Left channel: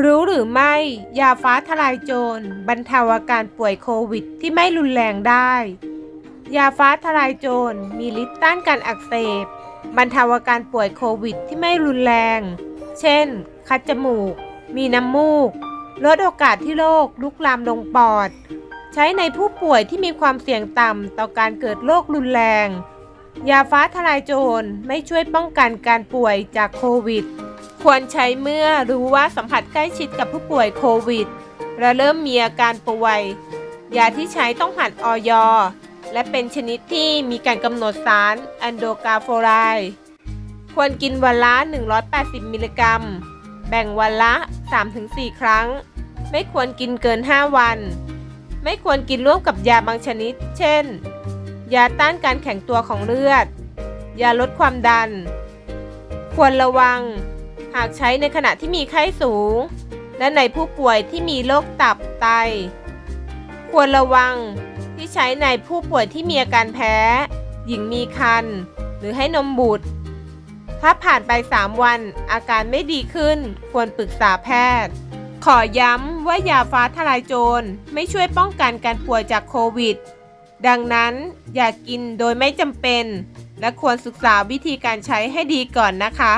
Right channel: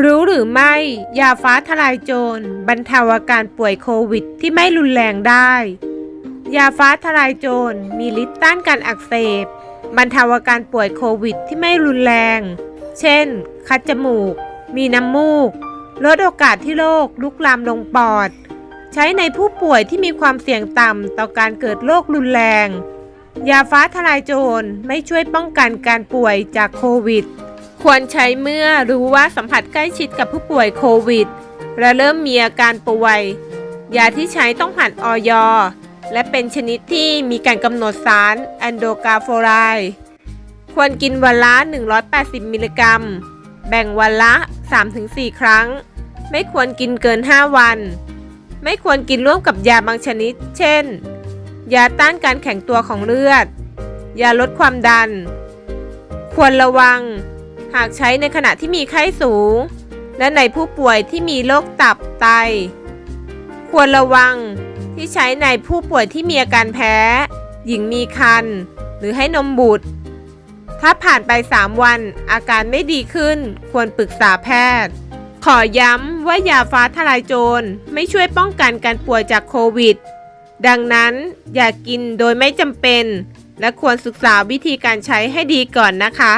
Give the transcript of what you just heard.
รู้หรือไม่ ยาฟ้าทลายโจรบรรเทาอาการป่วยโควิดที่ไม่รุนแรงได้ ยาฟ้าทลายโจรมีฤทธิ์ต้านการอักเสบบรรเทาอาการป่วยโควิดที่ไม่รุนแรง เช่น คัดจมูก มีน้ำมูก ลดโอกาสที่โรคลุกลามลงปอด ใช้ในผู้ป่วยที่มีความเสี่ยงต่ำต่อการเกิดโรครุนแรง ยาฟ้าทลายโจรไม่ช่วยป้องกันการป่วยจากโควิด ควรใช้เมื่อรู้ว่าสัมผัสใกล้ชิดกับผู้ป่วยโควิด และเริ่มมีอาการป่วย ยาที่ใช้ต้องผ่านออยและเป็นชนิดที่มีการกำหนดสารแอนโดกาโฟไลควรกินวันละ 180 มิลลิกรัม แบ่งวันละ 3-4 ครั้ง ไม่ควรกินเกิน 5 วัน ไม่ควรกินร่วมกับยาบางชนิด เช่น ยาต้านการแข็งตัวของเลือด ยาลดความดัน ควรระวัง หากใช้ในขณะที่มีไข้สูง และในผู้ป่วยที่มีโรคตับไต ควรระวังที่ใช้ในผู้ป่วยที่มีอาการแพ้ หญิงมีครรภ์หรือให้นมบุตร ถ้าผ่านไป 3 วันอาการไม่ดีขึ้น ควรปรึกษาแพทย์ ขอย้ำว่ายาฟ้าทลายโจรไม่ช่วยป้องกันการป่วยจากโควิด ดังนั้นอย่ากกินโดยไม่จำเป็น และควรศึกษาวิธีการใช้ให้ดีก่อนนะคะ